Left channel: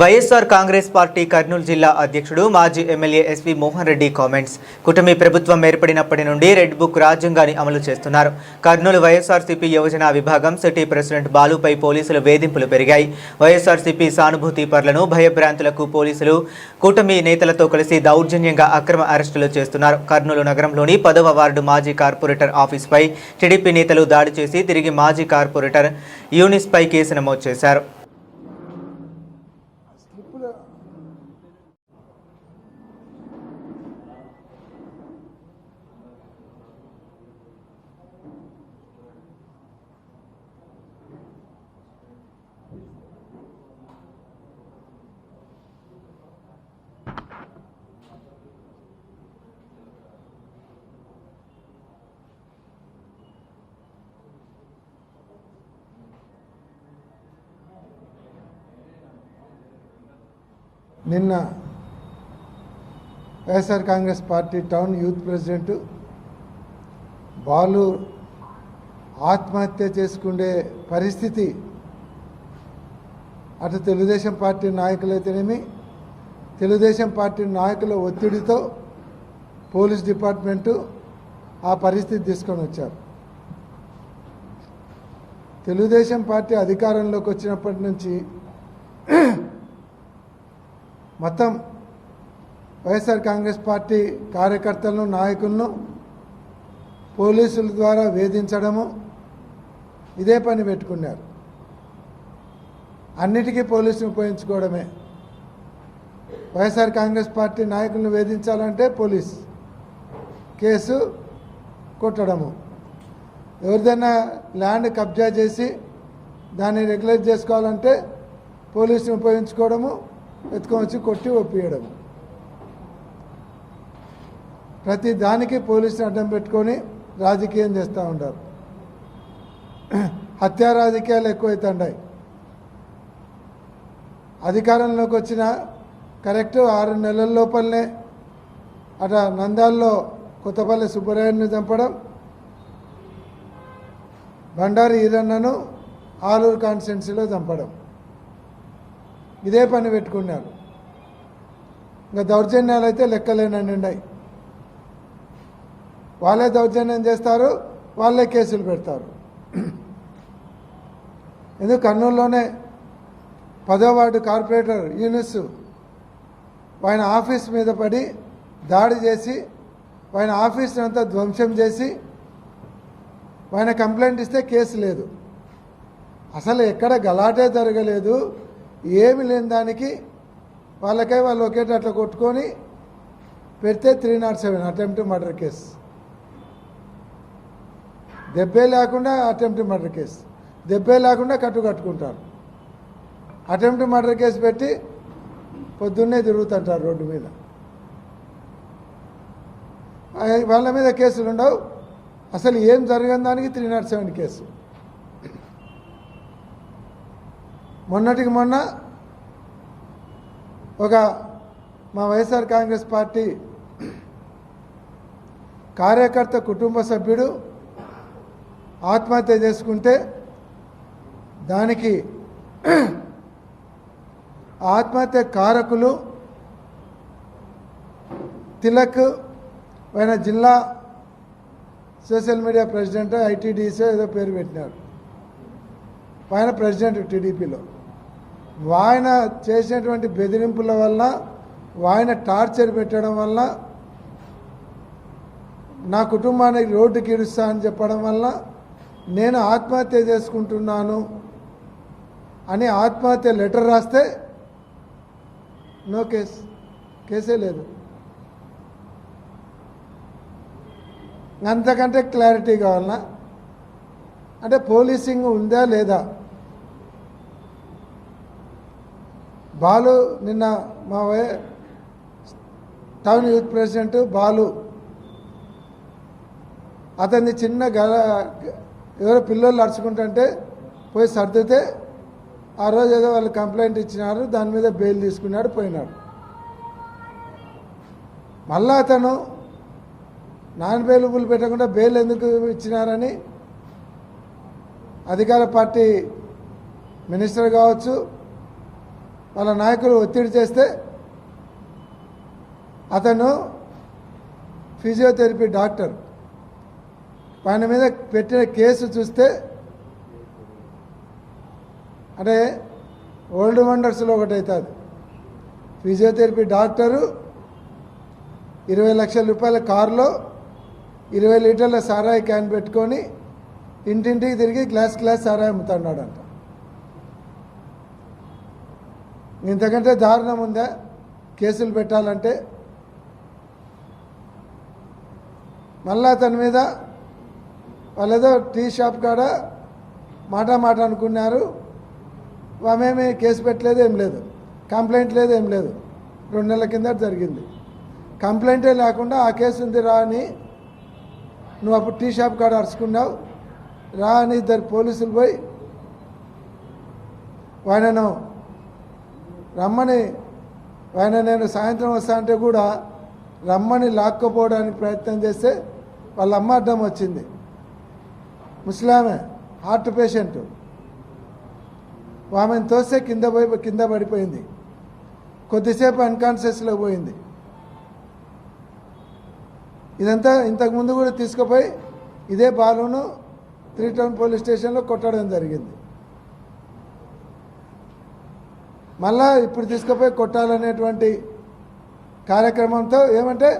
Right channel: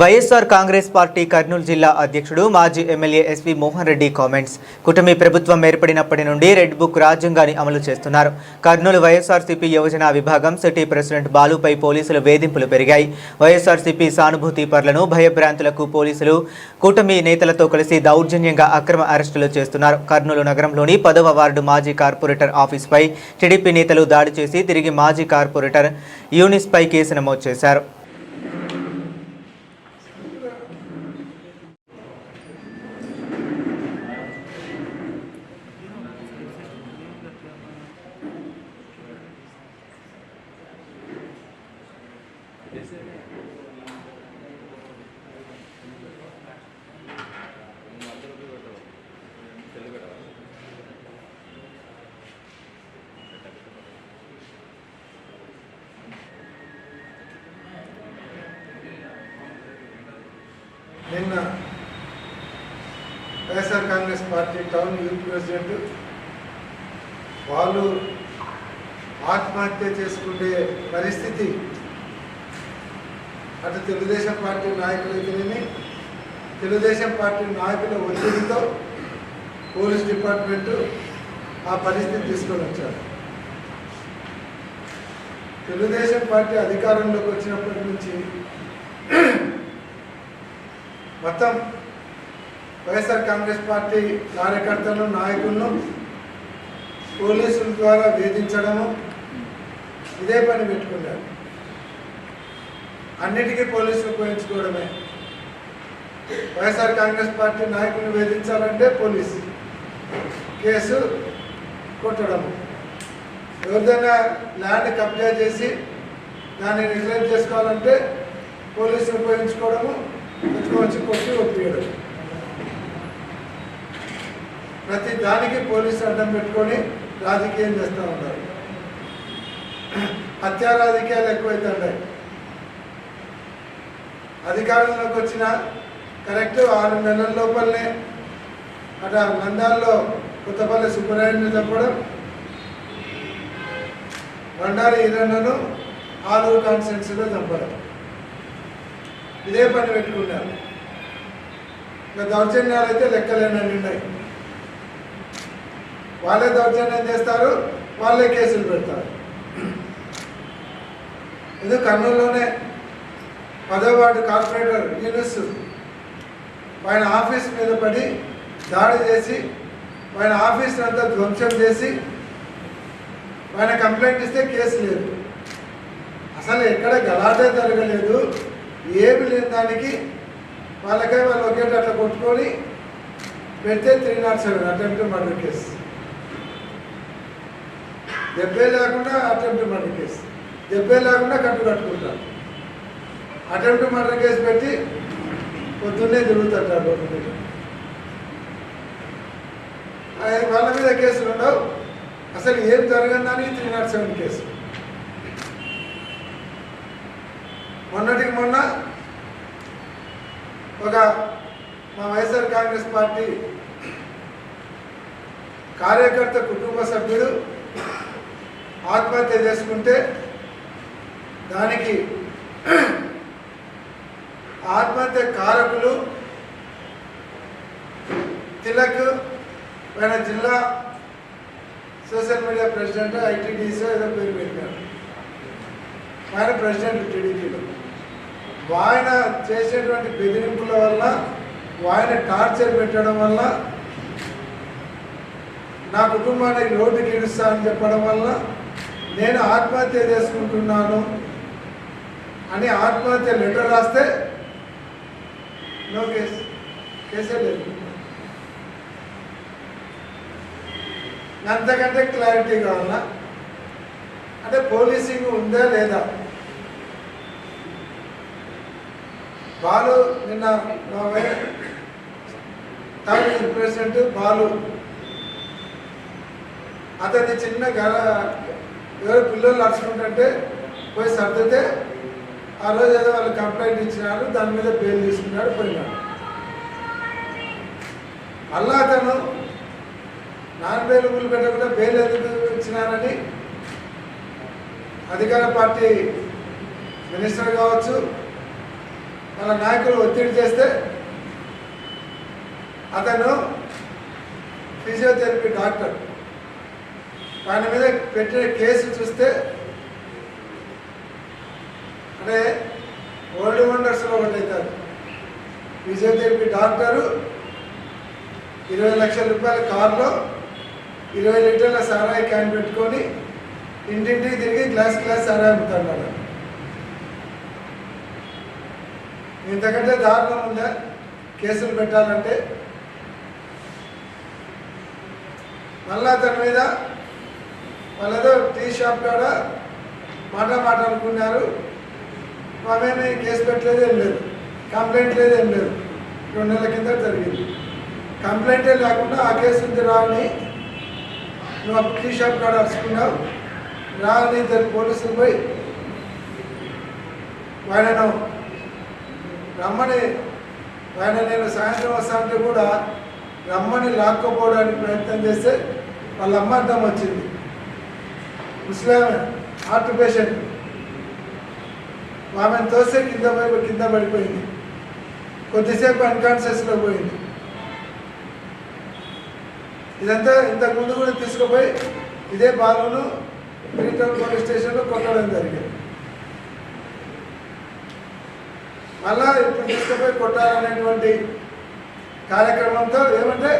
YSR Congress party Kurnool జిల్లా అధ్యక్షుడు మాజీ MLA S V Mohan Reddy comments. కూటమి ప్రభుత్వం ఏర్పడినప్పటి నుండి రెడ్ బుక్ రాజ్యాంగాన్ని అమలు చేస్తున్నారు. కర్నూలు వైఎస్ఆర్సీపీ యువజన విభాగం సిటీ ప్రెసిడెంట్ బాలుపై పోలీసుల వేధింపులు పెరిగాయి. వైఎస్ఆర్సీపీ సానుభూతి పరులను భయభ్రాంతులకు పోలీసులు కూటమి నేతలతో కలిసి దౌర్జన్యంగా అక్రమ అరెస్టులు చేస్తున్నారు. కర్నూలు నగరంలోని 10వ వార్డు మాజీ కార్పొరేటర్ ఆఫీస్పై టీడీపీ నేతలు దాడి చేసి తిరిగి మాజీ కార్పొరేటర్ యూనిస్పై కేసు నమోదు చేశారు. నిన్న YSR Congress party town youth president Balu ఆత్మహత్య చేసుకునే పరిస్థితి అటు తెలుగుదేశం పార్టీ నాయకులైతేనేమి, తెలుగుదేశం పార్టీ నాయకుల ఒత్తిడితో పోలీస్ డిపార్ట్మెంటు ఆ పరిస్థితి తీసుకొని వచ్చారు. తెలుగుదేశం పార్టీ అధికారంలోకి వచ్చినప్పటి నుంచి మొత్తం వైఎస్ఆర్ కాంగ్రెస్ పార్టీ కార్యకర్తలను, నాయకులను పోలీసుల ద్వారా వేధించడము ఇదే పని పెట్టుకున్నారు. అన్నిటికీ పోలీసులు ఉపయోగించుకోవడమే. వైఎస్ఆర్ కాంగ్రెస్ పార్టీ నాయకులను వేధించాలంటే పోలీస్ కేసు కొట్టడము, ఎవరిదైనా ల్యాండ్ కబ్జా చేసి దాన్ని రెగ్యులేట్ చేసుకోవాలంటే పోలీసులు ఉపయోగించుకోవడము, ఎత్తుకొచ్చి కొట్టి ఒప్పియడం. ప్రతి దానికి పోలీసు అడ్డం పెట్టుకొని రాజకీయం చేస్తూ ఉంటారు. హత్యా రాజకీయాలు ఎక్కువైతున్నాయి. అధికారంలోకి వచ్చిన కరెక్ట్ 6 నెలల లోపలనే అట నంద్యాలలో కొత్తపల్లి సుబ్బరాయుడిని చంపడం, బండారి ఈరన్నను ఆలూరు కాన్స్టిట్యున్సీలో చంపడం, ఇదే పని పెట్టుకున్నారు. ఇంకా దౌర్జన్యాలు అయితే లెక్కలేనని ఉన్నాయి. వాళ్ళే దౌర్జన్యం చేస్తారు, వాళ్ళే కేసులు పెడతారు. ఎందుకు కర్నూలులోనే 10వ వార్డు కార్పొరేటర్ యూనిస్ ఆయన ఆఫీస్ మీద పడి దాడి చేసి ఆయన ఆఫీస్ని అంతా ధ్వంసం చేసి ఆయన కంప్లైంట్ ఇస్తే కేసు లేదు. అసలు ఎక్కడ గలాటే జరగలేదు, ఏమి లేని దానికి వాళ్ళకై వాళ్ళు ఒకేట అట్లా కొట్టుకొని పెడితే 307 అటెంప్ట్ మర్డర్ కేసు, దెబ్బే లేకుండా అటెంప్ట్ మర్డర్ కేసు, దెబ్బే లేకుండా కట్టుకుంటారు. అటెంప్ట్ మర్డర్ కేసు పెట్టి పొద్దున్నే తిరుగుతుంటారు డబ్బు మీద. వాళ్ళ మీద కేసులు ఉండవు. అసలు ఏం జరగని దానికి 307 కేసు. మొన్నటికి మొన్న ఒక మా వైఎస్ఆర్ కాంగ్రెస్ పార్టీ కార్యకర్త కుటుంబ సభ్యుడు ఆత్మహత్య చేసుకుంటే దానికి ఆత్మహత్య కారకులు తిలక్ ఆయన జిల్లా సోషల్ మీడియా ప్రెసిడెంట్, ఐటీడీసీ ఏదో పేరు పెట్టినారు. ఆయన ప్రెసిడెంట్ టీడీపీలో. ఆయన చేసినటువంటి బెదిరింపుల వల్ల, ఆయన టార్చర్ పెట్టడం వల్ల, నా కుటుంబానికి రోడ్డుకి ఇడుస్తా అని చెప్పడం వల్ల నేను ఆత్మహత్య చేసుకుంటున్నాను అని ఆత్మహత్య లెటర్ రాస్తే నో కేసు, కేసే లేదు. అంతకంటే క్లారిటీ కావాలన్నా అంటే పోలీసింగ్ ఉందా లేదా? బాలు నిన్న మా టౌన్ యూత్ ప్రెసిడెంట్ బాలు అతన్ని చిన్న ఎవరో పిల్లలు నడుచుకుంటుంటే పోయి సర్దితే ఆ రోజు ఏదో వాళ్ళు కంప్లైంట్ ఇచ్చినారు, దాని మీద బెయిల్ తీసుకున్నాడు, పోయినాడు. మళ్ళా అతను నాన్ బెయిలబుల్ పెట్టకుండా బెయిల్ ఎందుకు ఇచ్చినారని అధికార పార్టీ మినిస్టర్ కావచ్చు, వాళ్ళ నాయకులు ఒత్తిడి చేస్తే అతను ఫిజియోథెరపీ డాక్టర్ ఆయన మీద పెట్టిన కేసు చూస్తే అంటే ఓల్డ్ వండర్స్లో ఒకటి అవుతారు. ఫిజియోథెరపీ డాక్టరు 20 లక్షల రూపాయల కారులో 20 లీటర్ల సారాయి క్యాన్ పెట్టుకొని ఇంటింటికి తిరిగి గ్లాస్ సారాయి అమ్ముతున్నాడు. ఇంతకంటే దారుణం ఉందా కేసులు పెట్టాలంటే? మళ్ళా అతని మీద వాళ్ళేదో టీ షాప్ కాడ మాట అనుకున్నారు. ఆమెమి కేసు పెట్టలేదు, ఏం లేదు, కంప్లైంట్ లేదు, ఏం లేదు. 2 నెలల కింద జరిగింది. కంప్లైంటే లేకుండా ఆ కేసు ఉంది రా అని నువ్వు అప్పుడు టీ షాప్ కాడ అరుచుకున్నావు రా అని ఇద్దరు పోలీసులు పోయి ఆయనను రమ్మని నేను సాయంత్రం వస్తా అంటే కూడా రమ్మని లాక్కపోవడానికి ప్రయత్నం చేస్తే వాళ్ళ అమ్మ అడ్డం వచ్చింది. ముస్లామే హార్ట్ పేషెంట్. ఆమెను తోస్తే కింద పడిపోయింది. కొద్దిసేపు అన్కాన్షియస్లో పోయింది. ఇదంతా ఇంతకుముందు కూడా తీసుకుపోయి ఇదే బాలును త్రీటౌన్ పోలీస్ స్టేషన్లో కొట్టడం జరిగింది. మళ్ళా ఇప్పుడు తీసుకుపోయి కొట్టాలనేటువంటి కార్యక్రమంతో ఏమంటే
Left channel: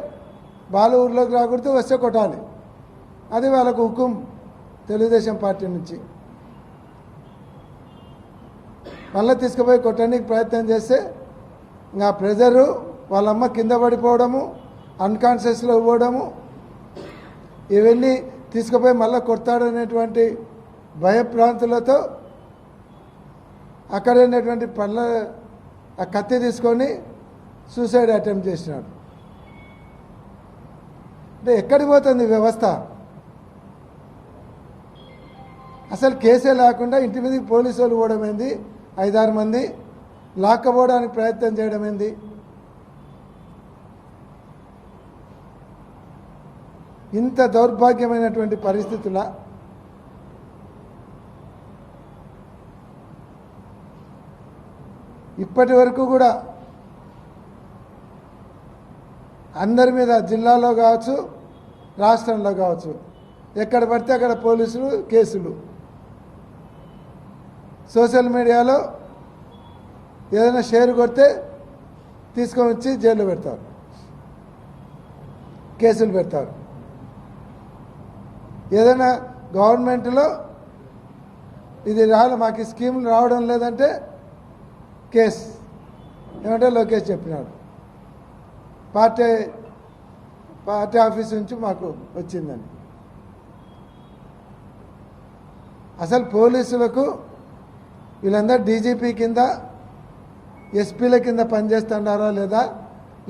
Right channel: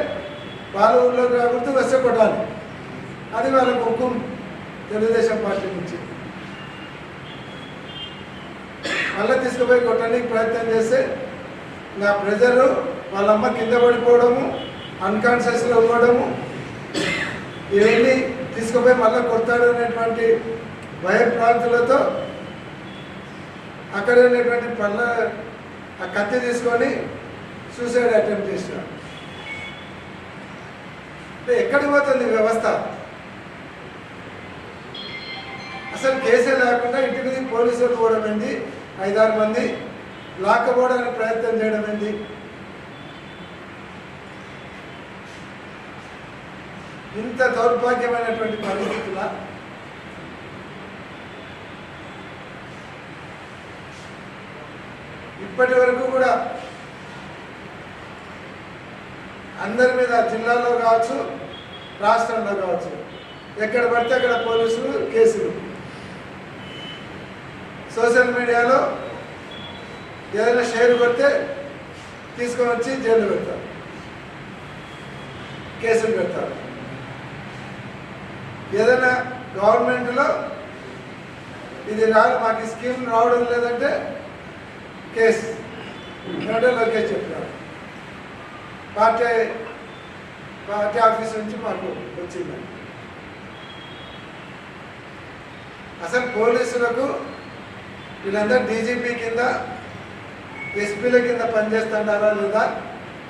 బాలు ఊళ్ళోకి రాకూడదు, వస్తే కొట్టాలి. అది వాళ్ళకు హుకుం తెలుగుదేశం పార్టీ నుంచి. మళ్ళీ తీసుకుపోయి కొట్టడానికి ప్రయత్నం చేస్తే ఇంకా ప్రెజరు వాళ్ళ అమ్మ కింద పడిపోవడము, అన్కాన్షియస్లో పోవడము, ఇవన్నీ తీసుకుపోయి మళ్ళీ కొడతాడు అనేటువంటి భయభ్రాంతులతో అక్కడ ఉన్నటువంటి ఆ కత్తి తీసుకొని సూసైడ్ అటెంప్ట్ చేసినాడు. అంటే ఎక్కడికి పోతుంది వ్యవస్థ? అసలు కేసే లేకుండా ఇంటి మీద పోలీసు వాళ్ళు పోవడం ఏంది, 5-6 మంది లాక్కపోవడానికి ప్రయత్నం చేయడం ఏంది? ఇంత దౌర్భాగ్యమైనటువంటి పరిస్థితుల ఇప్పటి వరకు కూడా అందరి మీద జిల్లాలో కావచ్చు, రాష్ట్రంలో కావచ్చు, ఎక్కడ పడితే అక్కడ పోలీసులు కేసులు. సోషల్ మీడియాలో ఏదైనా షేర్ కొడితే తీసుకొని వచ్చి జైలు పెడతారు, కేసులు పెడతారు. ఏదైనా గవర్నమెంట్లో ఇది మాకు స్కీమ్ రావడం లేదంటే కేసు. ఏమంటే లోకేష్ చెప్తున్నాడు పార్టీ ఆఫీస్ నుంచి మాకు వచ్చిందని. అసలు పోలీసులకు వీళ్ళందరూ డీజీపీ కింద, ఎస్పీల కింద పనిచేస్తున్నారా లేదా,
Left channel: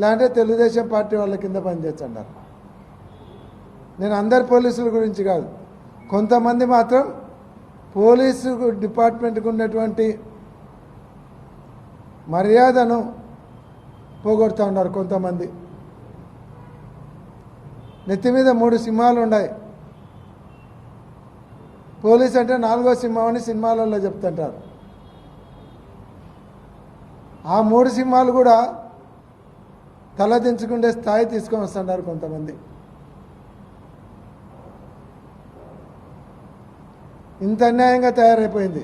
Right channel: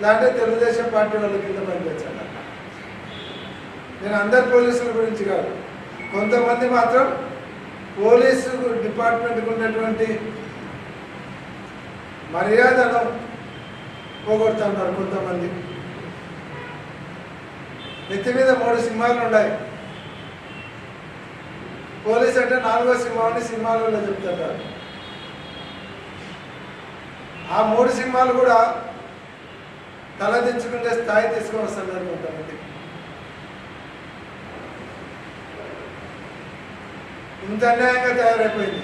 లేదంటే తెలుగుదేశం పార్టీ వాళ్ళ కింద పనిచేస్తున్నారా? నేను అందరు పోలీసుల గురించి కాదు, కొంతమంది మాత్రం పోలీసు డిపార్ట్మెంట్కి ఉన్నటువంటి మర్యాదను పోగొడుతున్నారు. కొంతమంది నెత్తి మీద 3 సింహాలు ఉన్నాయి. పోలీస్ అంటే 4వ సింహం అని సినిమాలలో చెప్తుంటారు. ఆ 3 సింహాలు కూడా తలదించుకునే స్థాయి తీసుకొని వస్తున్నారు కొంతమంది. ఇంత అన్యాయంగా తయారైపోయింది.